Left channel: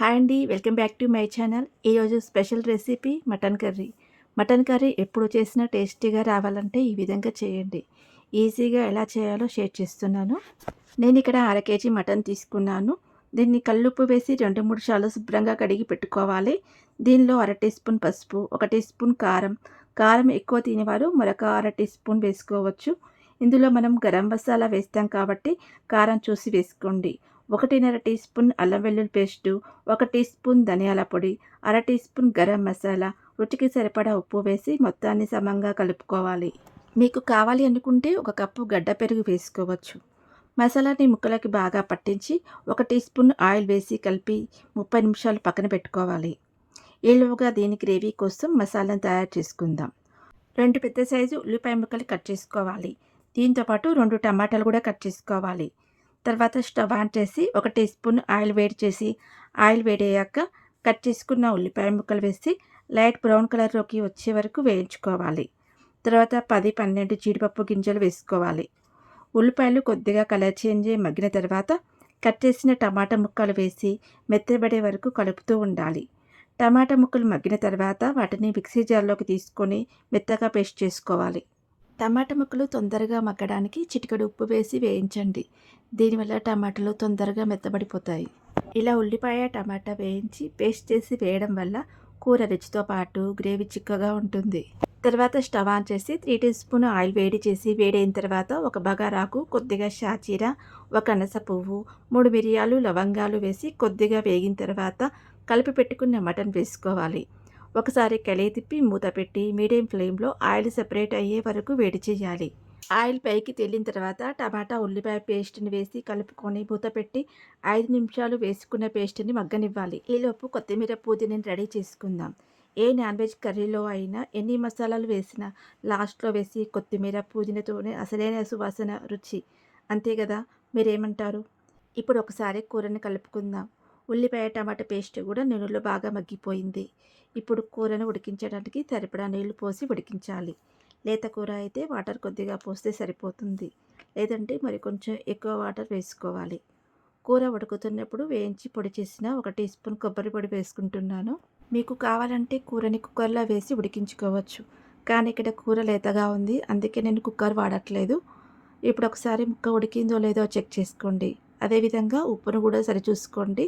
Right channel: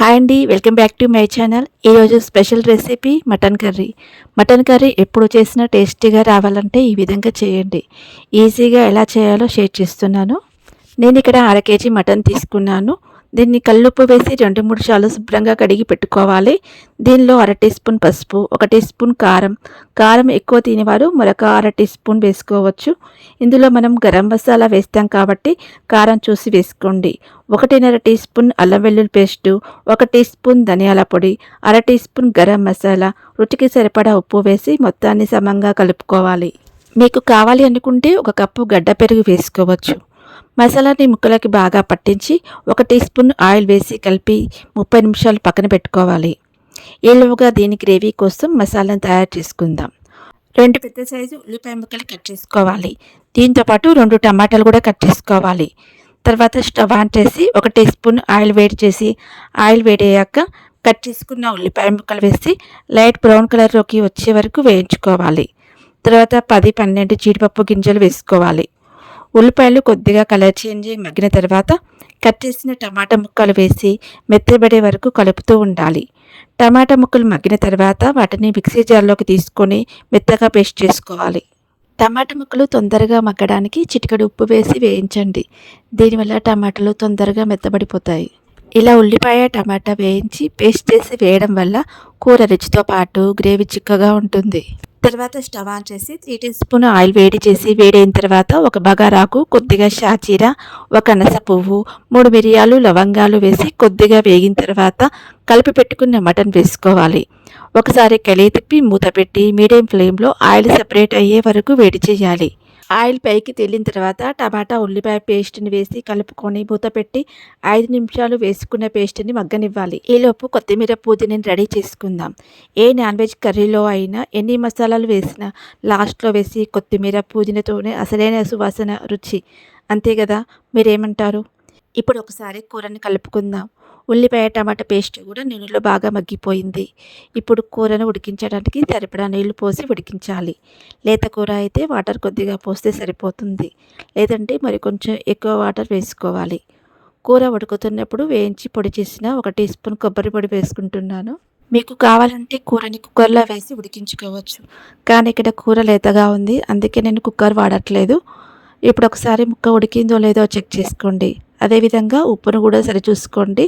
Hi అండి welcome back to my channel. ఈరోజు special recipe mutton curry. Mutton curry ఎప్పుడు చేసినా టేస్టీగా రావాలంటే ఈ విధంగా చేయండి. ఈజీగా ఎలా చేయాలో షేర్ చేస్తున్నాను. నేను ఇక్కడ అర కేజీ మటన్ తీసుకున్నాను. దీన్ని కల్లుప్పు వేసి రెండు మూడు సార్లు శుభ్రంగా కడిగి పెట్టుకోవాలి. దీనిలో అర టీ స్పూన్ పసుపు ఒక టీ స్పూన్ కారం. కారం ఎక్కువ తినేవారు మరొక అర టీ స్పూన్ వేసుకోవచ్చు. ఇందులో మనం గరం మసాలా వేస్తాం కాబట్టి కారం చూసి వేసుకోండి. ఒకటిన్నర టీ స్పూన్ అల్లం వెల్లుల్లి పేస్టు ఒక టీ స్పూన్ ధనియాల పొడి అర టీ స్పూన్ గరం మసాలా రుచికి సరిపడా ఉప్పు వేసి మొత్తాన్ని సమంగా కలుపుకోవాలి. మీకు కావాలి అనుకుంటే ఒక కప్పు గడ్డ పెరుగు వేసుకోవచ్చు. మసాలాని ముక్కలకి బాగా పట్టించి ఒక టీ స్పూన్ ఆయిల్ వేసి కలిపి ముప్పై నిమిషాలు పక్కన పెట్టుకోవాలి. ఈలోగా దీని గ్రేవీ కోసం మసాలాను తయారు చేసుకుందాం. రెండు పెద్ద సైజు ఉల్లిపాయ ముక్కలు కట్ చేసుకోవాలి. దీంతోపాటు రెండు టమాటాలు కూడా కట్ చేసుకోవాలి. తర్వాత స్టవ్ ఆన్ చేసి ఒక టీ స్పూన్ ఆయిల్ వేడి చేసి ఆయిల్ వేడయ్యాక కట్ చేసుకున్న ఉల్లిపాయ ముక్కలు వేసి లైట్ బ్రౌన్ కలర్లోకి వచ్చే వరకు వేయించుకోవాలి. తర్వాత పది పన్నెండు జీడిపప్పు గింజలు వేసుకోవాలి. ఉల్లిపాయలు కొద్దిగా కలర్ చేంజ్ మగ్గిన తర్వాత కట్ చేసిన టమాటా ముక్కలు వేసి మెత్తబడే వరకు కలుపుతూ ఉండాలి. టమాటా ముక్కలు మగ్గిన తర్వాత వాటిని మిక్సీ జార్లోకి తీసుకొని మెత్తగా పేస్ట్ చేసుకోవాలి. టమాటా ముక్కలు తొందరగా మగ్గడానికి చిటికడు ఉప్పు వేసి వేయించండి. దీనివల్ల టమాటాలు తొందరగా మెత్తబడిపోతాయి. ఇలా ఉల్లిపాయ టమాటా వేయించి పేస్ట్ చేసి వేయడం వల్ల కూర రుచితో పాటు గ్రేవీ చిక్కగా ఉంటుంది. తర్వాత స్టవ్ ఆన్ చేసి త్రీ టీ స్పూన్ ఆయిల్ వేడి చేసి వేడైన తర్వాత ఒక బగారాకు కొద్దిగా షాచీర ఒక అనస పువ్వు మూడు మిరియాలు లవంగాలు వేసి కొద్దిగా వేగిన తర్వాత కలిపి పెట్టుకున్న మటన్ వేసుకోవాలి. ఒకసారి కలిగి తిప్పి మూత పెట్టి మీడియం ఫ్లేమ్లో ఆయిల్ సెపరేట్ అయ్యే వరకు వేడి చేయాలి. ఆయిల్ పైకి తేలిన తర్వాత టమాటా ఉల్లిపాయ పేస్ట్ని వేసి కలుపుకొని మూత పెట్టి ఐదు నిమిషాలు వేసుకున్న పేస్ట్ని మగ్గనివ్వాలి. ఈలోపు కొత్తిమీర పుదీనాని రెడీ చేసుకుందాం. ఏ నాన్ వెజ్ కర్రీలో అయినా ఎన్ని మసాలాలు వేసినా లాస్ట్లో వేసి కొత్తిమీర పుదీనతోనే అసలైన సువాసన రుచి. అంతే కదా? మీరేమంటారు? ఇప్పుడు ఒకసారి కూరని కలుపుకుందాం. ఉల్లిపాయ టమాటా పేస్ట్ కూడా నూనెలో బాగా మగ్గిపోయింది. ఇప్పుడు కూరను ఉడికించడానికి సరిపడా నీళ్ళు పోసి ఉడికించాలి. లేత కూర అయితే వాటర్ కొద్దిగా పోస్తే సరిపోతుంది. లేదంటే మరి కొంచెం ఎక్కువ వాటర్ వేసుకోవాలి. కూర ఉడుకుతున్నప్పుడు వేయించి పొడి చేసిన ఒక టీ స్పూన్ కొబ్బరి పొడి వేసుకుంటున్నాను. మీకు కావాలంటే కూరని కుక్కర్లో వేసి ఉడికించుకోవచ్చు. కానీ ఇక్కడ కూర లేతగా ఉంది. అందుకే నేను కుక్కర్ వాడట్లేదు. ఇప్పుడు ఒకసారి ముక్క ఉడికిందో లేదో చెక్ చేసుకోండి. అదేవిధంగా ఉప్పును కూడా సరిచూసుకోండి.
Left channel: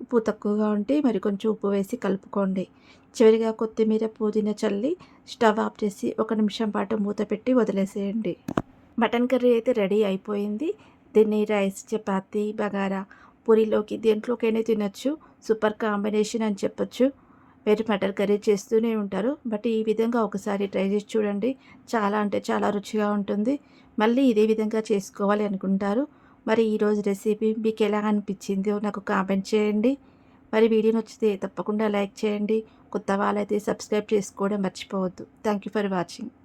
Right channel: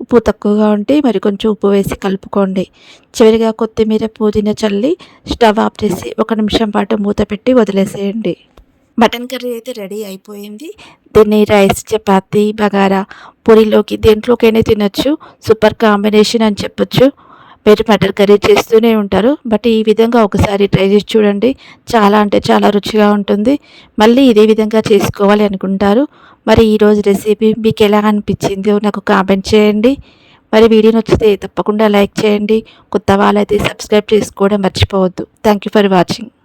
ఉప్పు తక్కువగా ఉంటే మరి కొంచెం ఉప్పు వేసి కలుపుకోండి. చివరిగా కొత్తిమీర పుదీనా చల్లి స్టవ్ ఆఫ్ చేసి ఒక నిమిషం పాటు మూత పెట్టి వదిలేసేయండి. మటన్ కర్రీ అయితే రెడీ అయిపోయింది. దీన్ని రైస్ చపాతి బగారా పూరిలోకి దేంట్లోకైనా తినొచ్చు. సూపర్ కాంబినేషన్ అని చెప్పొచ్చు. మీరు మటర్ కర్రీ చేస్తూనే ఉంటారు. బట్ ఈ విధంగా ఒకసారి ట్రై చేసి చూడండి. చాలా అంటే చాలా రుచిగా ఉంటుంది. మళ్ళీ ఇదే విధంగా చేసుకోవాలి అనుకుంటారు. మరి ఈరోజు రెసిపీ మీకు ఎలా అనిపించిందో నాకు కామెంట్ చేయండి. మరి వీడియో నచ్చితే తప్పకుండా లైక్ చేయండి. కొత్త వాళ్ళైతే సబ్స్క్రైబ్ చేసుకోవడం మర్చిపోవద్దు. Thank you for watching